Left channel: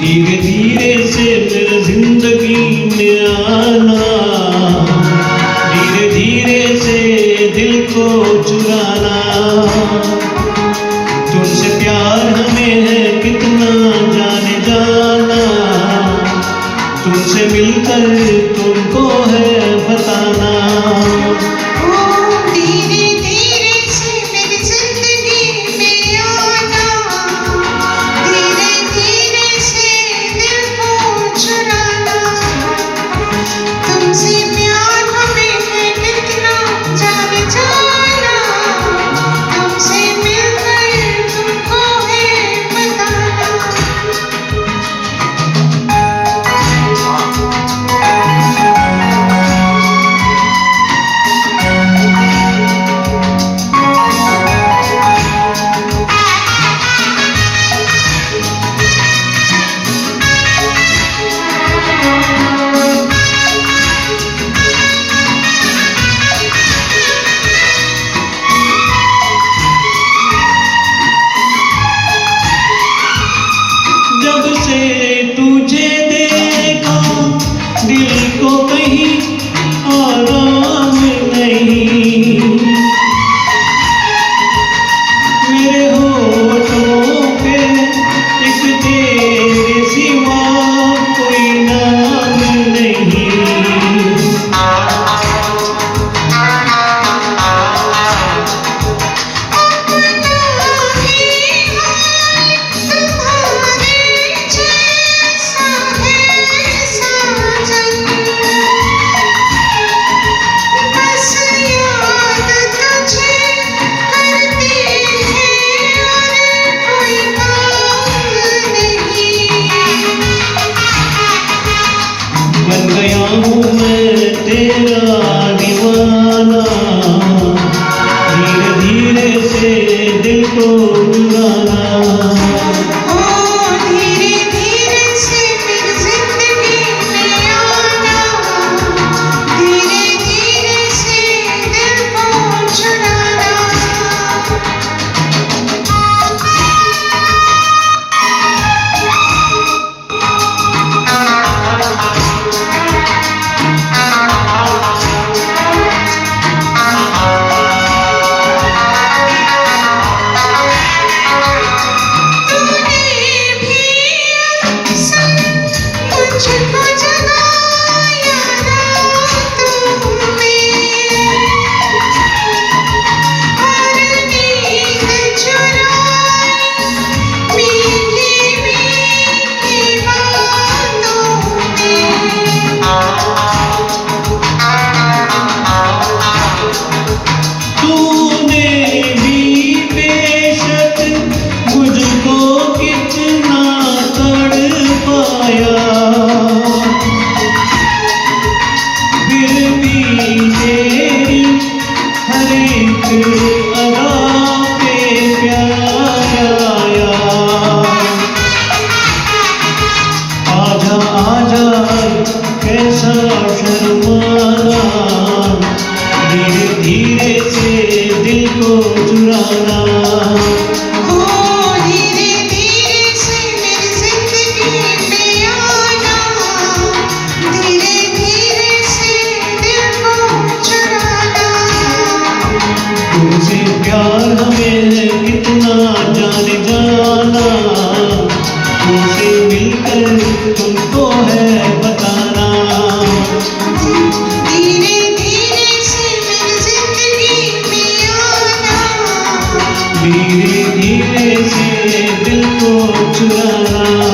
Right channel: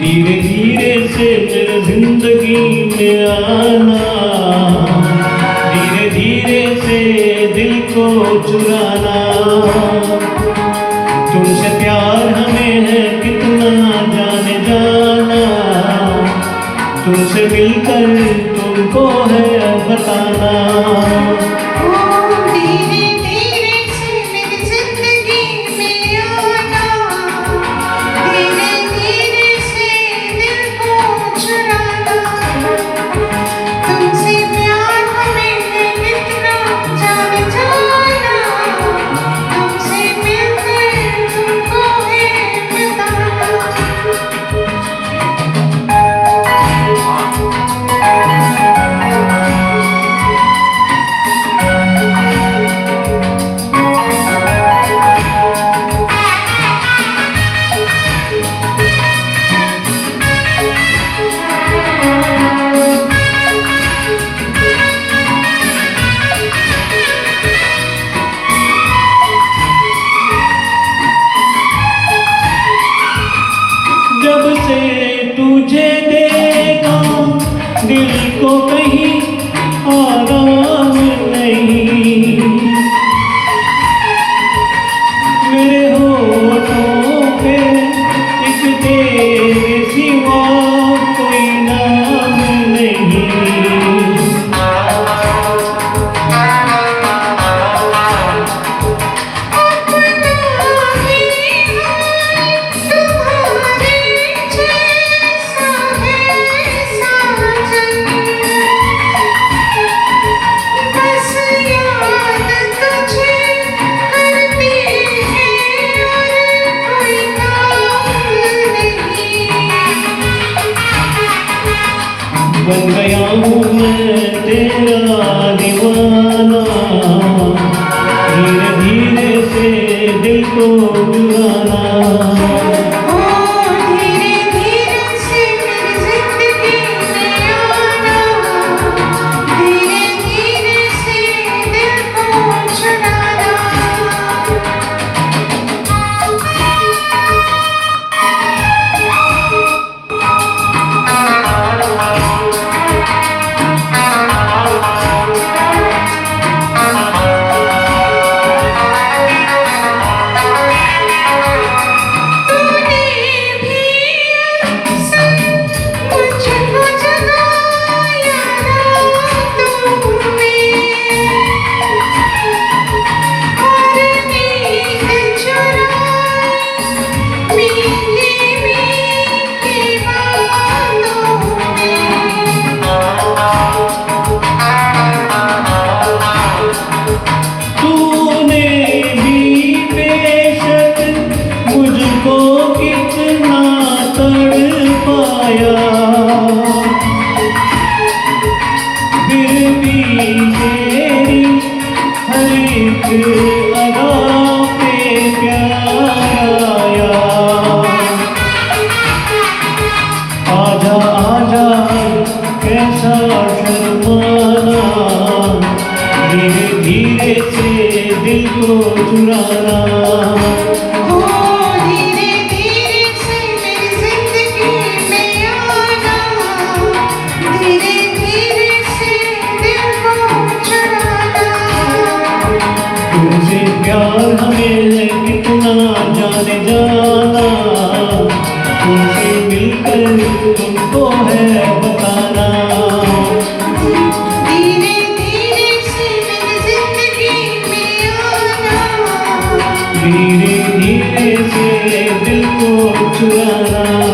धीरे धीरे से मेरे जिंदगी में आना, धीरे धीरे से दिल को चुराना। तुमसे प्यार हमें है कितना जाने जाना, तुमसे मिलकर तुमको है बताना। जब से तुझे देखा दिल को कहीं आराम नहीं, मेरे होठों पे एक तेरे सिवा कोई नाम नहीं। बन गया हूँ मैं तेरा दीवाना, धीरे धीरे से दिल को चुराना। आजा आजा कैसा शर्माना, धीरे धीरे से दिल को चुराना। तुमसे प्यार हमें है कितना जाने जाना, तुमसे मिलकर तुमको है बताना। धीरे धीरे से मेरी जिंदगी में आना, धीरे धीरे से दिल को चुराना।